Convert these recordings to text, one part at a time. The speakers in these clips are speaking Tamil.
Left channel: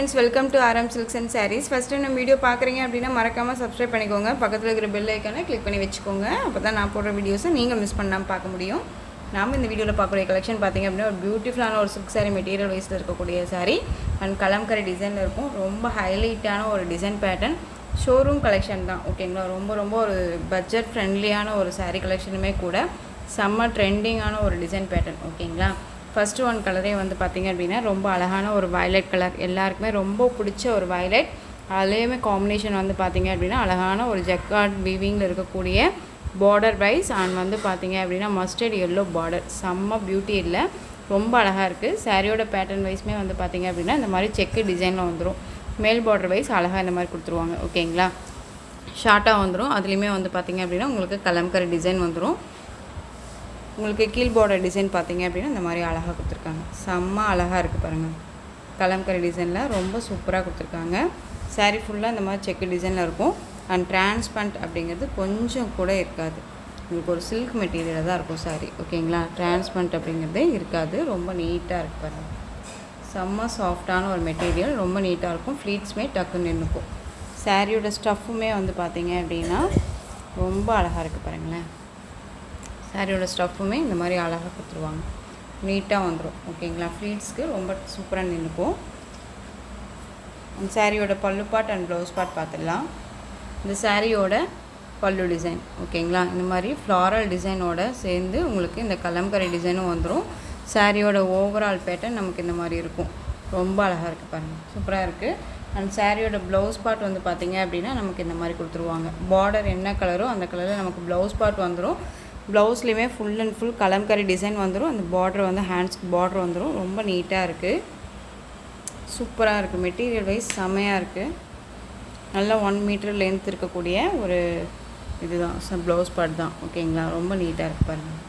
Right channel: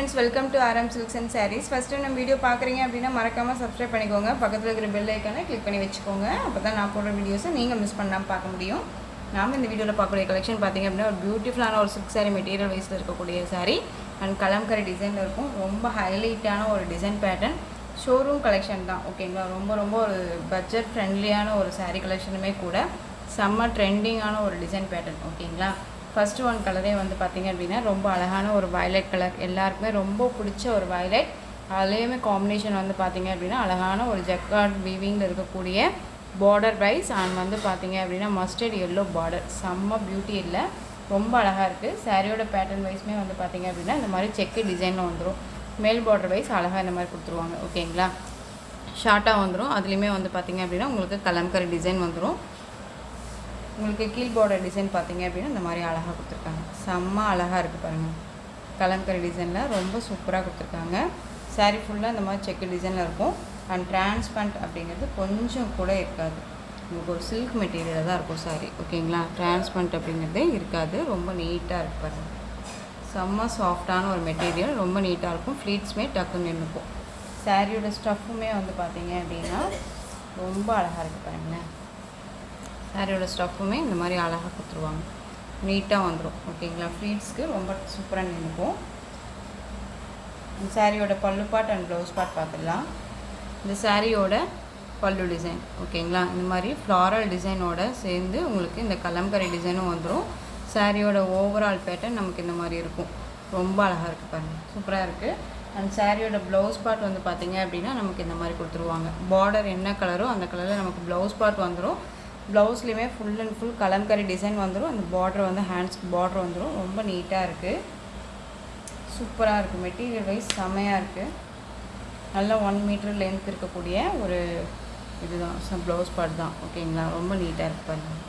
friends, welcome to RM Silks and Sarees. First time நம்ம வீடியோ பார்க்குறீங்க அப்படின்னா மறக்காமல் சப்ஸ்கிரைப் பண்ணிக்கோங்க. பக்கத்தில் இருக்கிற பெல் ஐக்கானை கிளிக் பண்ணி வச்சுக்கோங்க. அப்போ தான் நான் போடுற வீடியோஸை நீங்கள் மிஸ் பண்ணாமல் பார்க்க முடியும். நாம் இந்த வீடியோவில் பார்க்கக்கூடிய கலெக்ஷன் பார்த்திங்க அப்படின்னா ஒரு பியூட்டிஃபுல்லான ஒரு சில்க் சாரீ மெட்டீரியல் வைஸில் இருக்கக்கூடிய சாரீ அண்ட் கலம்கரி டிசைனில் இருக்கும். ரொம்ப ஹைலைட்டான ஒரு டிசைன் பேட்டர்ன் ஷோரூம் கலெக்ஷன் தான். ஓகேங்களா, ரொம்ப ஒரு பட்ஜெட் ஃப்ரெண்ட்லியான ஒரு சாரீ கலெக்ஷனுமே கூட செம்ம ட்ரெண்டிங்கான ஒரு டிசைன் பேட்டர்ன். ஓகேங்களா, ஃபஸ்ட்டு ஒன் கலரே வந்து பார்த்திங்க அப்படின்னா ரொம்ப அழகான ஒரு வயலட் கலர், எல்லாருக்குமே ரொம்ப பிடிச்ச ஒரு வயலட். அதுலேயுமே காம்பினேஷன் வந்து பார்த்திங்க அப்படின்னா அழகான ஒரு ஜக்கார்ட் வீவிங்கில் இருக்கக்கூடிய பார்டர் வைஸ் அண்ட் வந்து பார்த்திங்க அப்படின்னா மஸ்டர்ட் எல்லோ பார்டர், செம்ம பியூட்டி இல்லை, ரொம்ப அழகாக இருக்குது. சாரியோட பேட்டர்ன் வைஸ்மே வந்து பார்த்திங்க அப்படின்னா இந்த மாதிரி செக்கு டிசைனில் வந்துடும். மேல் பார்டர் வைஸ் அழகாக இந்த மாதிரி கொடுத்துருவாங்க. ஓகேங்களா, ஷார்ட்டாக வந்துடும். அதுலேயுமே வந்து பார்த்திங்க அப்படின்னா உங்களுக்கு கலம்கரி டிசைன் வந்துடும். உங்களுக்கு கீழ் பார்டர் டிசைன் பார்த்திங்க அப்படின்னா இந்த மாதிரி அழகாக கொடுத்துருக்காங்க. செம்ம அழகாக இருக்குது பாருங்கள். கலம்கரி டிசைனில் ரொம்ப சூப்பராக கொடுத்துருக்காங்க. சாரீ ஃபுல்லாக இந்த மாதிரி செக்கு டிசைனில் இருக்கும். அண்ட் டிரான்ஸ்பரண்ட் அப்படிங்கிறது கொஞ்சம் கூட இருக்காது. உங்களுக்கு ஒரு சில்க் மெட்டீரியலாக தான் இருக்கும் சாரீ. ஓகேங்களா, டிரான்ஸ்பரண்ட் அப்படிங்கிறதே இருக்காது. ரொம்ப நீட்டாக இருக்குது பாருங்கள். செம்ம சாஃப்டான ஒரு மெட்டீரியல், ரொம்ப நீட்டாக இருக்கும். ஃப்ளீட்ஸுமே டக்குன்னு நின்றுக்கும். சாரியோட ஸ்டஃப்புமே வந்து பார்த்திங்க அப்படின்னா ரொம்ப அழகாக இருக்குது பாருங்களேன். சாரியோட ஸ்டஃப்புமே இந்த மாதிரி அழகாக கொடுத்துருவாங்க, நீட்டாக வந்துடும். ஓகேங்களா, ஃப்ளீட்ஸ்க்கு ரொம்ப சூப்பராக நின்றுக்கும். சாரியோட பல்லு பார்ட் அண்ட் ப்ளவுஸ் பார்ட் பார்த்துடலாம். இந்த சாரியோட பல்லு டிசைன் ஓகேங்களா, இந்த மாதிரி ஃப்ளாரல் டிசைனோட சேர்ந்து உங்களுக்கு இந்த கலம்கரி டிசைனும் வந்துடும். சாரியோட ஓவரால் பேட்டர்ன் நமக்கு இந்த மாதிரி இருக்கும். ரொம்ப அழகாக இருக்குது பாருங்கள், சூப்பராக இருக்குது. அண்ட் சாரியோட ப்ளவுஸ் பார்ட் வந்து பார்த்திங்க அப்படின்னா நமக்கு இந்த மாதிரி கொடுத்துருவாங்க. பார்டர் என்ன கலரோ அந்த கலரில் நமக்கு ப்ளவுஸ் பார்ட் வந்துடும். ப்ளவுஸ்லேயுமே full and full Kalamkari design வந்துடும். அந்த பார்டர் வந்து ஹேண்ட்ஸ்க்கு பார்டர் வந்துடும். ரொம்ப நீட்டாக இருக்குது, சூப்பராக இருக்குது. மெட்டீரியல் வைஸ் செம்மையாக இருக்குது. நல்லா 1 மீட்டர் லென்த் இருக்கக்கூடிய ஒரு இதுதான் ப்ளவுஸ் பார்ட் தான். ஓகேங்களா, ரொம்ப நீட்டாக இருக்குது பாருங்கள்.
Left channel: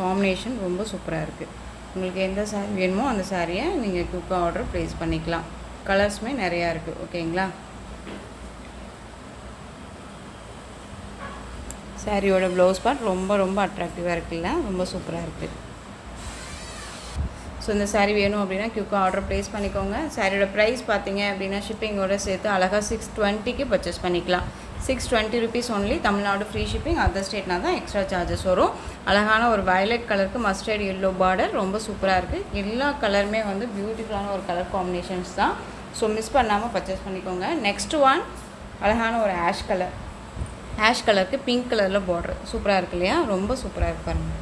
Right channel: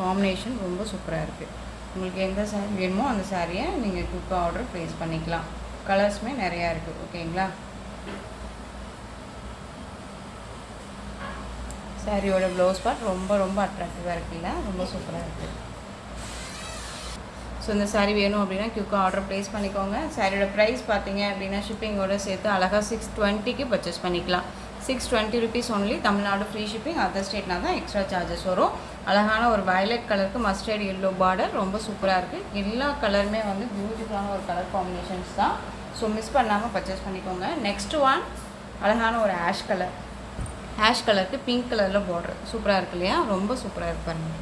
காம்பினேஷன் ரொம்ப சூப்பராக இருக்குது. உங்களுக்கு எந்த சாரீ வேணுமோ அந்த சாரியை நீங்கள் குயிக்காக ஆர்டர் ப்ளேஸ் பண்ணிக்கலாம். கலர்ஸுமே நிறையா இருக்குது. ஓகேங்களா, சாரியோட ப்ளவுஸ் பார்ட் ரொம்ப அட்ராக்டிவாக இருக்குல்ல, ரொம்ப சூப்பராக இருக்குது. ஸோ இந்த சாரீ வேணும் அப்படின்னா குயிக்காக ஆர்டர் ப்ளேஸ் பண்ணிக்கோங்க. சாரியோட ப்ரைஸ் பார்த்தீங்க அப்படின்னா ஷிப்பிங்கோடு சேர்த்து அழகாக 620க்கு பர்ச்சேஸ் பண்ணிக்கலாம். 620 rupees only. Tamil Nadu free shipping, other ஸ்டேட்னா தான் எக்ஸ்ட்ரா சார்ஜஸ் வரும். அழகான ஒரு வயலட் கலருக்கு மஸ்டர்ட் எல்லோ பார்டர், ரொம்ப சூப்பராக இருக்குது. எல்லா கலருமே வந்து பியூட்டிஃபுல்லான ஒரு கலர் காம்பினேஷன்ஸ் தான். ஸோ மிஸ் பண்ணாமல் பர்ச்சேஸ் பண்ணிக்கோங்க. நெக்ஸ்ட் ஒன் அழகான ஒரு ஆஷ் கலருக்கு பிங்க் கலரில் பார்டர், சூப்பராக இருக்குது இல்லையா, ரொம்ப சூப்பராக இருப்பாருங்க.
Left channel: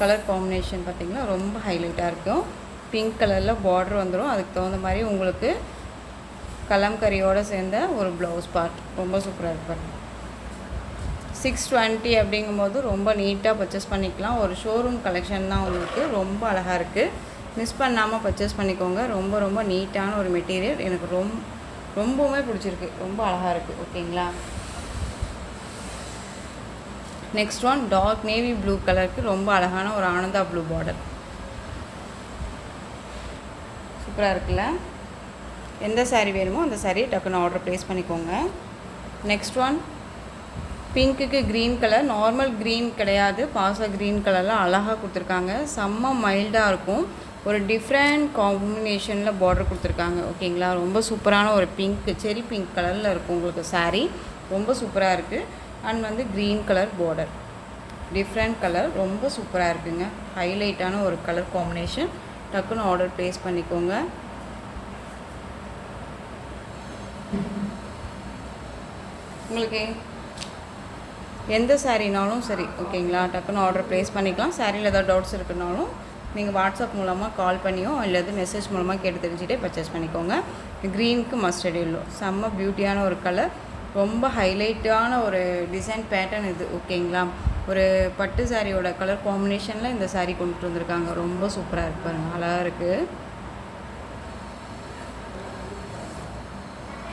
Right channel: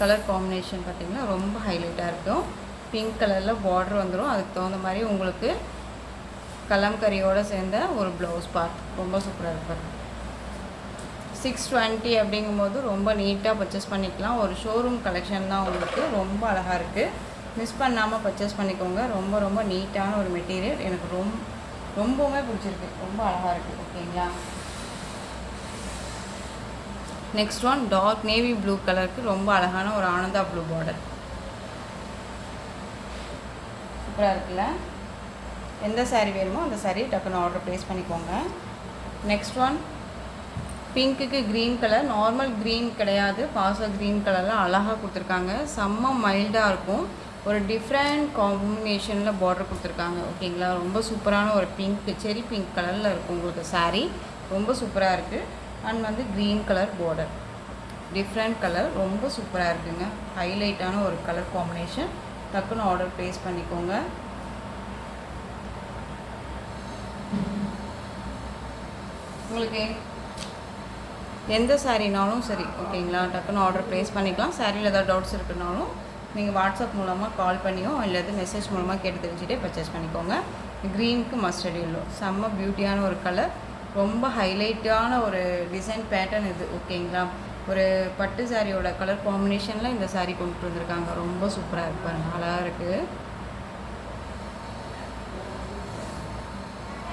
கலர் காம்பினேஷன் பார்த்திங்கன்னா ரொம்ப ஹைலைட்டாக இருக்கும். பிங்க் கலரில் பார்டர் வந்துடும். அதுக்கு தகுந்த மாதிரி உங்களுக்கு கலம்கரியோடு சேர்ந்த ஒரு ப்ளவுஸ் பார்ட், ரொம்ப சூப்பராக இருப்பார். 620 அப்படிங்கும்போது ரொம்ப நீட்டாக பர்ச்சேஸ் பண்ணிக்கலாம். ஒரு ஷோரூம் கலெக்ஷன் தான் உங்களுக்கு, ரொம்ப அழகாக இருக்குது. மிஸ் பண்ணாமல் பர்ச்சேஸ் பண்ணிக்கோங்க. ரொம்ப நீட்டான ஒரு மெட்டீரியல், எனக்கு ரொம்பவுமே பிடிச்சிருக்கு, ரொம்ப அழகாக இருக்குது. ஓகேங்களா, next one dark navy blue கலருக்கு ரொம்ப அழகான ஒரு ஆனந்தா ப்ளூ பார்டர், சூப்பராக இருக்குல்ல. எந்த சாரீ வேணுமோ அந்த சாரியை டக்குன்னு ஆர்டர் ப்ளேஸ் பண்ணிக்கோங்க. நெக்ஸ்ட் ஒன் பிங்க்குக்கு க்ரீன் கலர், நார்மல் க்ரீன் கிடையாது, பாச க்ரீன் கலரில் அழகாக கொடுத்துருக்காங்க. செம்ம மைல்டாக இருக்கும். ஒரு டிஃப்ரெண்ட் காம்பினேஷனில் பார்டர் கொடுத்துருக்காங்க. ஓகேங்களா, ரொம்ப சூப்பரான ஒரு பிங்க், செரி பிங்க் கலரில் இருக்கும் உங்களுக்கு சாரீ, ரொம்ப சூப்பராக இருக்குது. அண்ட் வந்து green colour border, different colour, ரொம்ப சூப்பராக இருக்குங்க. ஹைலைட்டான ஒரு கலர் காம்பினேஷன். டக்குன்னு ஆர்டர் ப்ளேஸ் பண்ணிக்கோங்க. உங்களுக்கு எந்த சாரீனாலும் சரி, ஓகேங்களா, டக்குன்னு ஆர்டர் ப்ளேஸ் பண்ணிக்கலாம். சாரியில் ஏதாவது டவுட்ஸ் இருக்குனாலும் நீங்கள் வாட்ஸ்அப் மூலமாக கால் பண்ணியோ இல்லை மெசேஜ் மூலமாக கேட்டு தெரிஞ்சுட்டே பர்ச்சேஸ் பண்ணிக்கோங்க. க்ரீனுக்கு மஸ்டர்ட் எல்லோ, செம்ம பியூட்டியான ஒரு கலர், ரொம்ப ஹைலைட்டான ஒரு டிசைன் பேட்டர்ன் இது. ஓகேங்களா, ஒரு பட்டு சாரியோட கலர் காம்பினேஷனில் இந்த சாரீ கொண்டுட்டு வந்திருக்காங்க. ரொம்ப சூப்பராக இருப்பாங்க, அழகாக இருக்குது.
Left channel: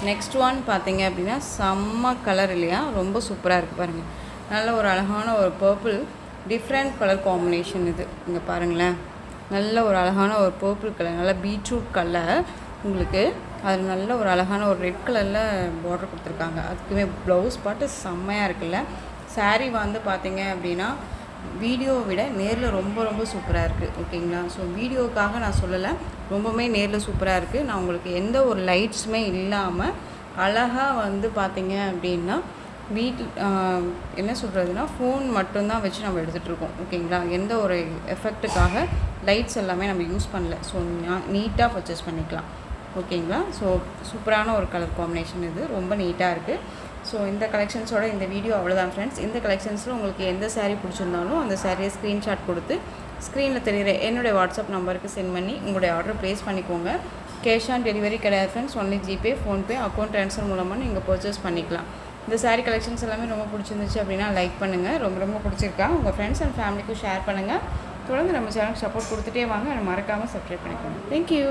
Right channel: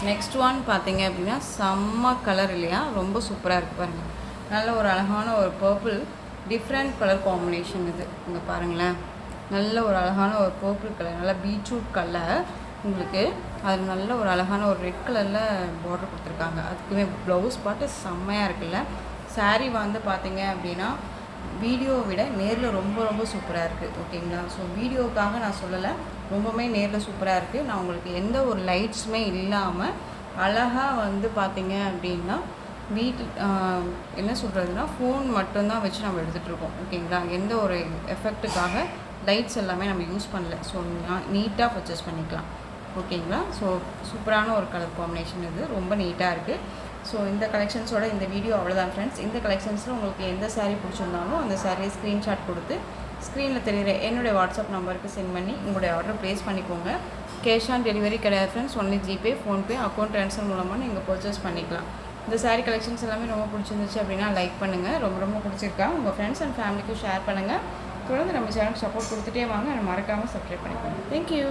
நெக்ஸ்ட் ஒன் பார்த்தீங்க அப்படின்னா செம்ம கலர் இல்லையா, ரொம்ப சூப்பராக இருக்குது பாருங்கள். நல்ல ஒரு அழகான ஒரு பர்பிள், டிஃப்ரெண்ட் கலர் காம்பினேஷன் இது. இங்கே பாருங்களேன், நல்ல ஒரு அழகான ஒரு பர்பிள் கலர், நல்ல பீட்ரூட் கலர் உங்களுக்கு. அது நல்ல ஒரு அழகான ஒரு ரெட் கலரில் பார்டர் கொடுத்துருக்காங்க. அதுக்குமே ப்ளவுஸ் பார்த்து செம்மையாக இருக்குல்ல. சாரீ வந்து பார்த்திங்க அப்படின்னா வீடியோவை விட நேரில் ரொம்ப சூப்பராக இருக்குது. ஓகேங்களா, ஸோ வீடியோவுக்காக நான் சொல்லலை, ரொம்பவுமே நேரில் சூப்பராக இருக்குது. நான் உங்களுக்கு எந்த ஒரு லைட்ஸுமே இல்லாமல் அழகாக வந்து பார்த்தீங்க அப்படின்னா வீட்டில் என்ன சொல்கிறதுனா ஃபோன் மட்டும்தான் வச்சு நம்ம எடுத்துகிட்ருக்கோம். ஓகேங்களா, எந்த ஒரு எஃபெக்ட்டுக்காக லைட்ஸ் எல்லாமே நம்ம யூஸ் பண்ணல. ஸோ நீட்டாக பர்ச்சேஸ் பண்ணிக்கலாம். ஓகேங்களா, ஸோ சூப்பரான ஒரு கலர் காம்பினேஷன் இது, ரொம்ப நீட்டாக இருக்குது. ஸோ இந்த கலெக்ஷன்ஸோட இந்த வீடியோ அவ்வளோதான் ஃப்ரெண்ட்ஸ். இந்த கலெக்ஷன்ஸில் உங்களுக்கு எந்த சாரீ பிடிச்சிருந்தாலும் அந்த சாரியை ஸ்க்ரீன்ஷாட் கொடுத்து ஸ்க்ரீனில் தெரியுற என்னுடைய வாட்ஸ்அப் நம்பருக்கு சென்ட் பண்ணி உங்களுடைய ஆர்டர் ப்ளேஸ் பண்ணிக்கோங்க. கேஷ் ஆன் டெலிவரி கிடையாது friends, only GPay, PhonePe, account transfer மூலமாக நீங்கள் பர்ச்சேஸ் பண்ணிக்கலாம். இந்த சாரீ கலெக்ஷன்ஸ் எல்லாமே ரொம்ப பிடிச்சிருந்துச்சு அப்படின்னா லைக் பண்ணுங்கள். ரொம்ப ரொம்ப பிடிச்சிருக்கா உங்கள் ஃப்ரெண்ட்ஸ் அண்ட் ஃபேமிலிக்கும் ஷேர் பண்ணுங்கள். தொடர்ந்து நம்ம சேனல் சப்போர்ட் கொடுத்துட்டே வாங்க. மறக்காமல் சப்ஸ்கிரைப் பண்ணிக்கோங்க. தேங்க்யூ.